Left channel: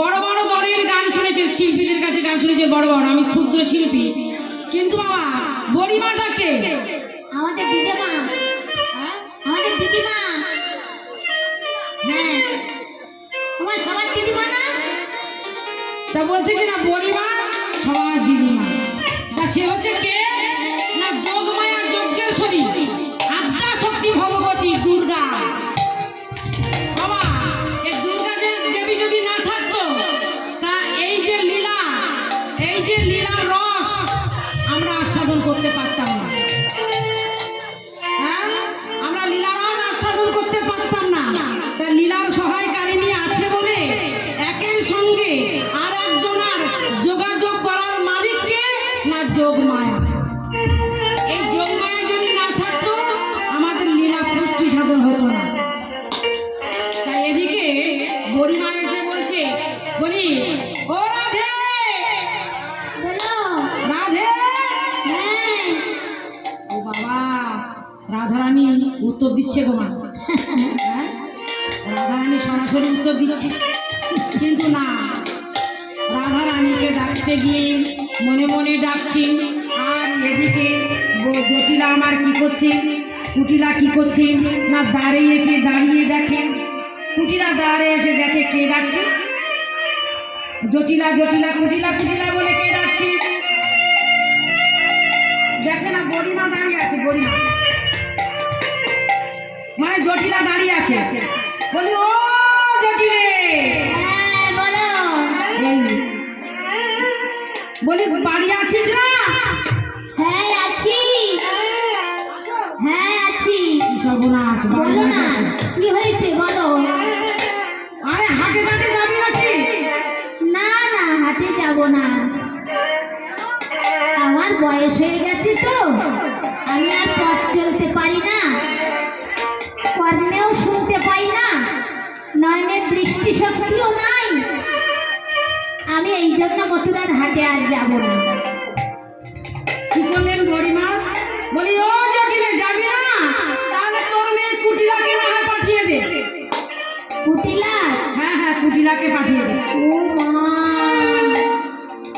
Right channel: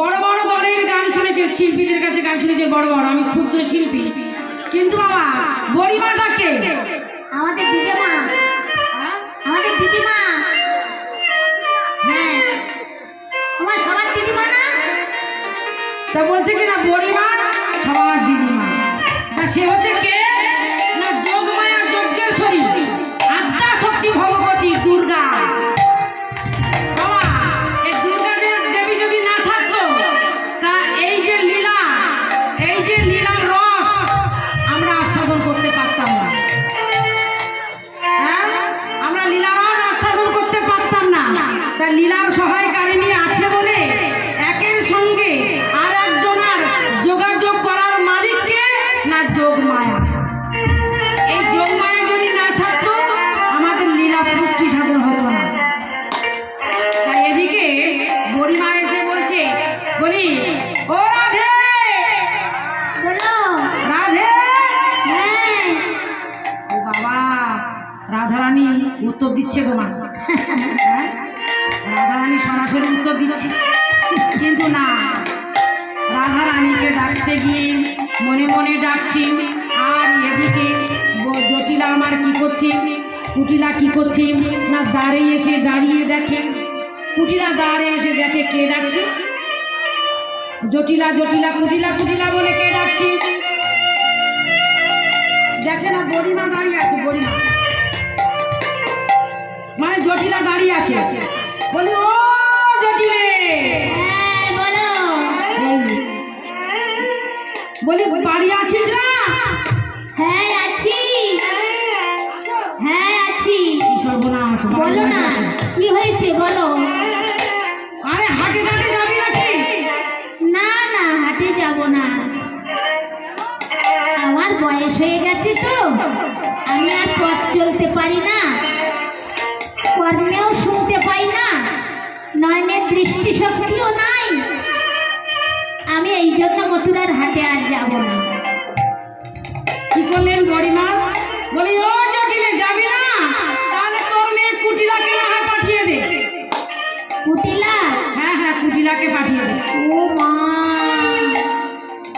বড় বড় দলের গান শুনেছে, শিল্পীদের কাছে গান শুনেছে বড় বড়, আমি ক্ষুদ্র শিল্পী। কিন্তু বাবা বড়িমাটা কে আমাদের দিদিমা আমাদের দিদিমা। উত্তর দিচ্ছে গো মা? রাধারানী সরাসরি উত্তর দিচ্ছে। কিন্তু না, রাধারানীকে ডাকতে গিয়ে মনে মনে ডাকছি, আর এদিকে জটিলা আমার কি করছে? কুটিলা কি করছে? না দাঁড়িয়ে এসে দাঁড়িয়ে দেখে। কুটিলা দাঁড়ে এসে দেখে কে ডাকছে? জটিলা জটিলা, কুটিলা কুটিলা বলে কে ডাকছে? দেখে না বড়িমা দাঁড়িয়ে আছে বড়িমা মানে জটিলা দাঁড়িয়ে আছে। বলি ও জটিলে। হ্যাঁ বলো। বাড়ি আছিস না? হ্যাঁ আছি। হ্যাঁ আছি। সর্বনাশ বলো না। কি হয়েছে বলো। আরে হাটে টাটে যাবি নাকি? না না হাটে যাব না। আমার বয়স হয়ে গেছে তো। আমি আর পথ চলতে পারি না। নয়নের দৃষ্টিশক্তিও নাই। আমি এই জন্য মথুরার হাটে আর যাব না। কি করলেন বড়িমা? বলি ও জটিলে যাবি না? তাহলে তোর মেয়ে কুটিলাকে না হয় পাঠিয়ে দে। কুটিলা? হ্যাঁ হ্যাঁ কুটিলাকে পাঠিয়ে দে। ও মা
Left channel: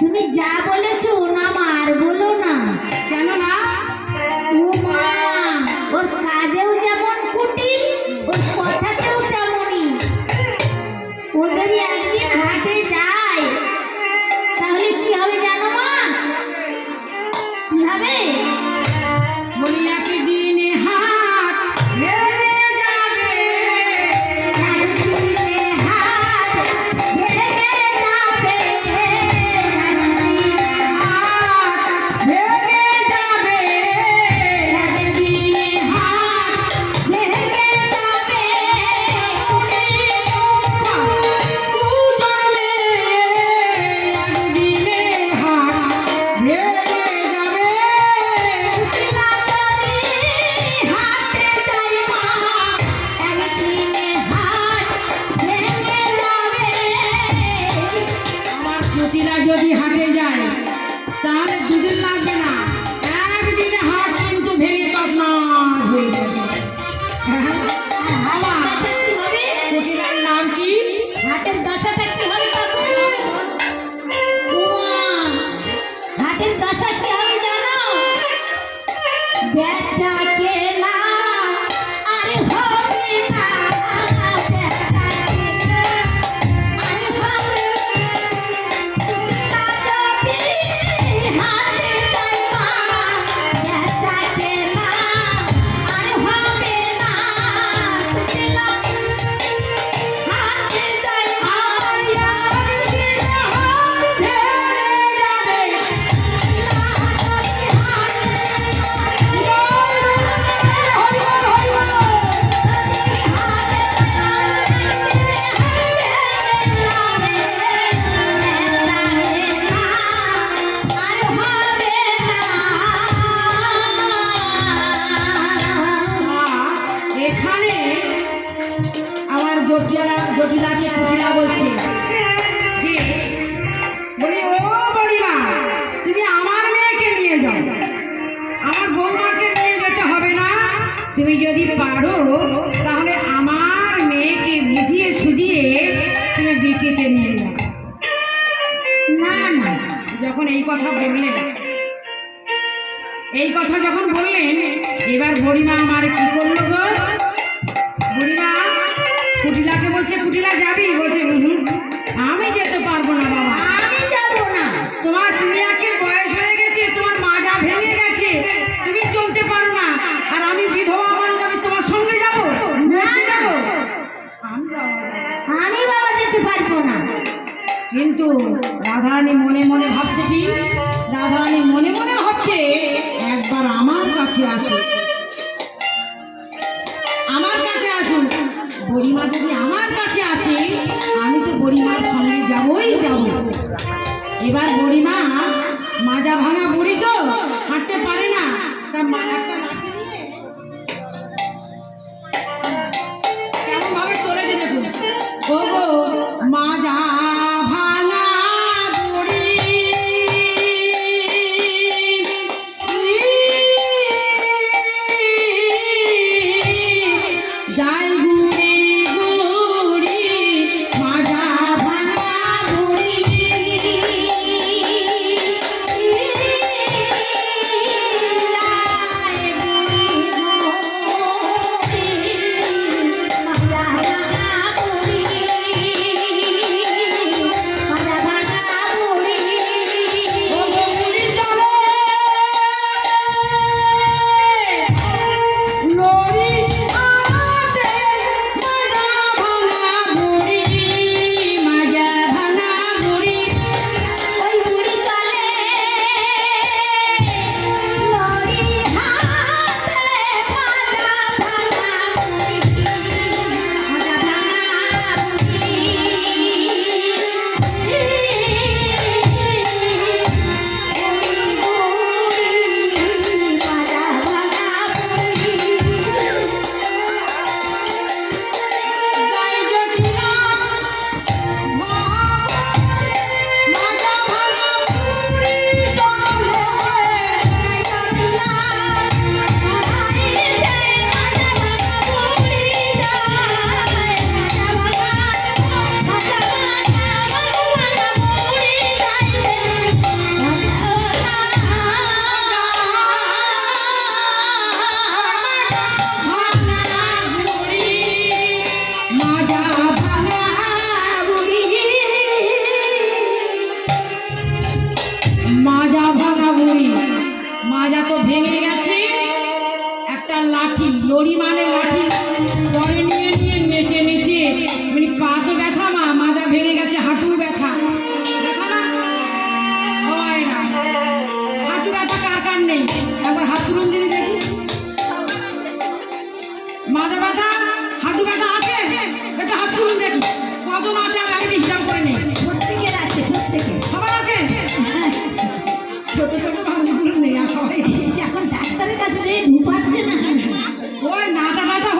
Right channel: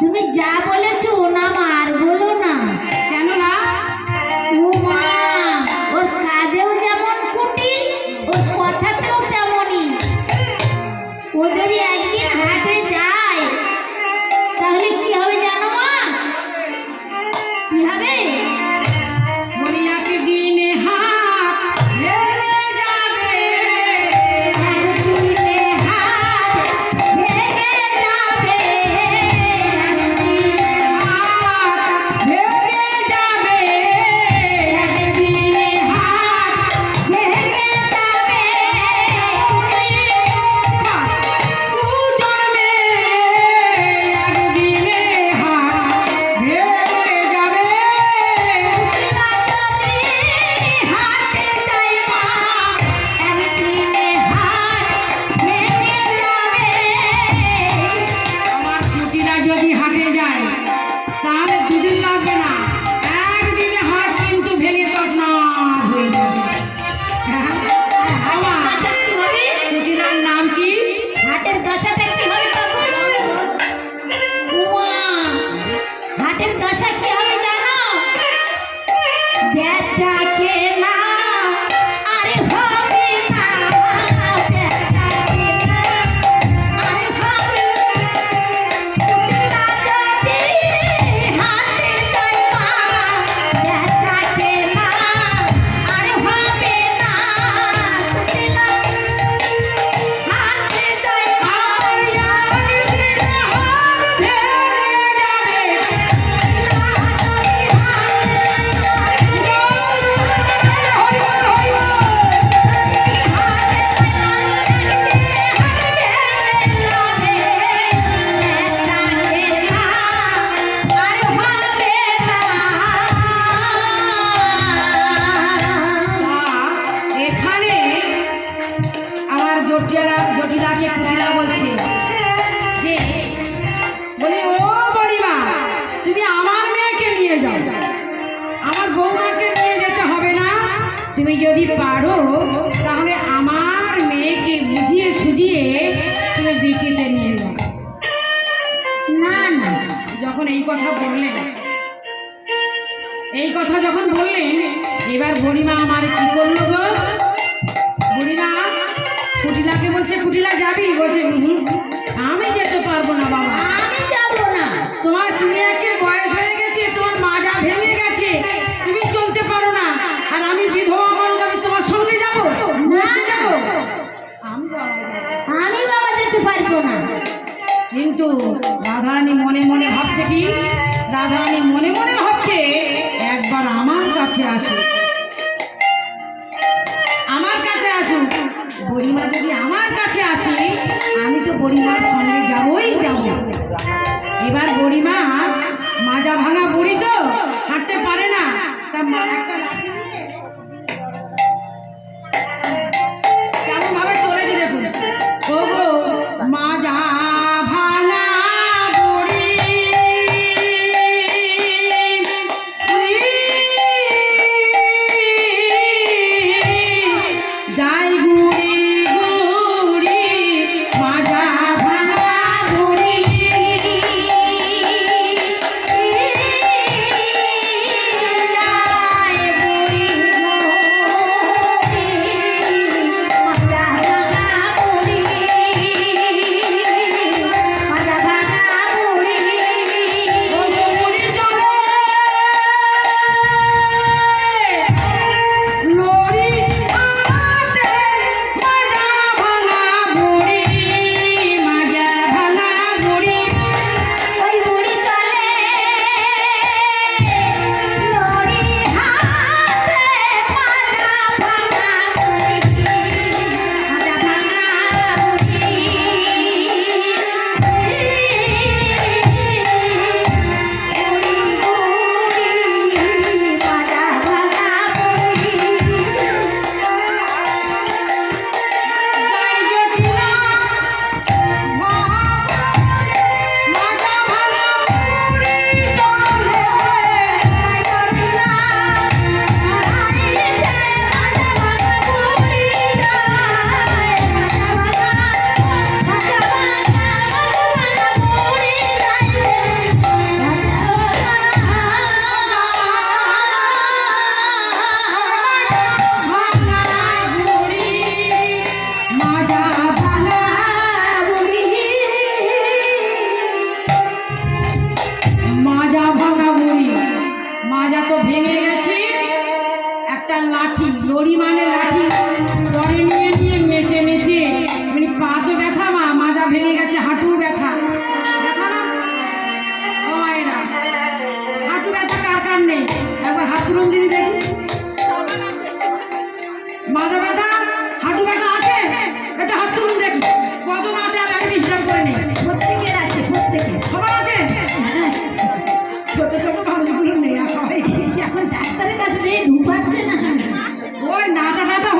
তুমি যা বলেছ তুমি যদি পারো, তাহলে আমার মেয়েকে বুঝিয়ে সুজিয়ে তুমি বিকেতে নিয়ে যাও না না, যখন এই কথা বললেন, এই কথা যখন বললেন, এবার বুড়িমা আমার কি করল গো? বুড়িমা, কুটিলাকে বলছে, কুটিলা যাবি? বলছে আমি যেতে পারব না বাবা। কিন্তু রাধারানী মনে মনে ভাবছে কি? রাধারানী মনে মনে ভাবছে একবার আমার কাছে আসুক। নিয়ে নিয়ে নেচে নেচে মানে পা তো ব্যথা মা মাজা ভেঙে গেছে হাঁটু ব্যথা। ব্যথা হাঁটু ব্যথা কার কার নেই? একবার হাত দিদি দেখুন মাজা ব্যথা হাঁটু ব্যথা আছে? একটা হাত তুলুন দেখি। আছে আর আমি করে নেই। প্রত্যেকের আছে সবার আছে? হ্যাঁ। ছোট ছোট মানুষগুলো নেই আর সবাই। এখন ডাক্তারের কাছে ঢুকাচ্ছে না। ওই নাচা নাচা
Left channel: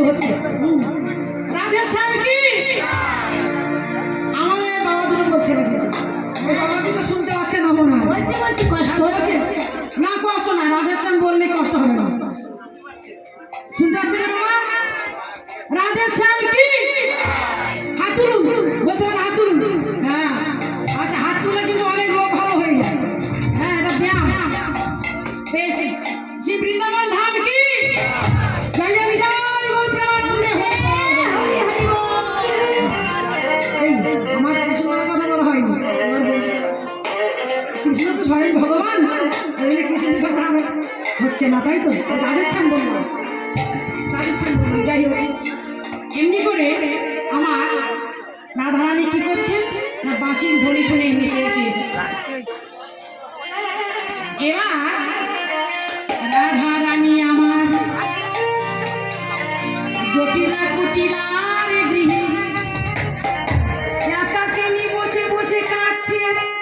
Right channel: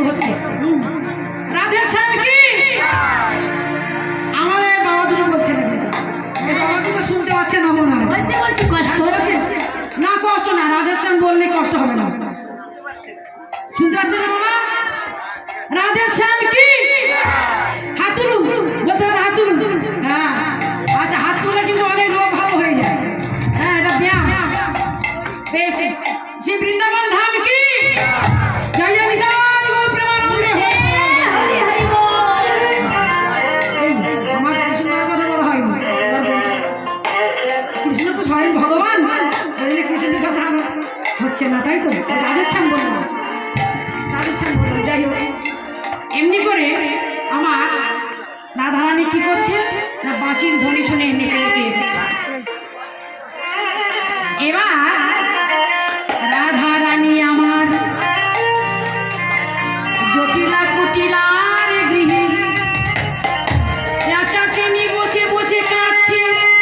কিছু হচ্ছে। আমার বাবা দুটো বলছে না শুনতে পাচ্ছে না মনে হ্যাঁ, হচ্ছে। না কষ্ট না শ্যাম বললে কষ্ট হবে না। শুনতে পাচ্ছে না বাবা? শ্যাম কি? বলতে হ্যাঁ আচ্ছা হাত কিন্তু অনেক রোগ ভালো হয়ে যায়। হ্যাঁ এটা ব্যায়াম। কৃষ্ণ তো স্বয়ং ভগবান। কৃষ্ণের কথা আমার হচ্ছে না, তাই তো? রাধের শ্যাম বলব রাধের শ্যাম বলব যাই হোক। এমনি করে আমার রাধারানী কি করছে? না বাঁশির ধ্বনি শুনে নেচে নেচে এবার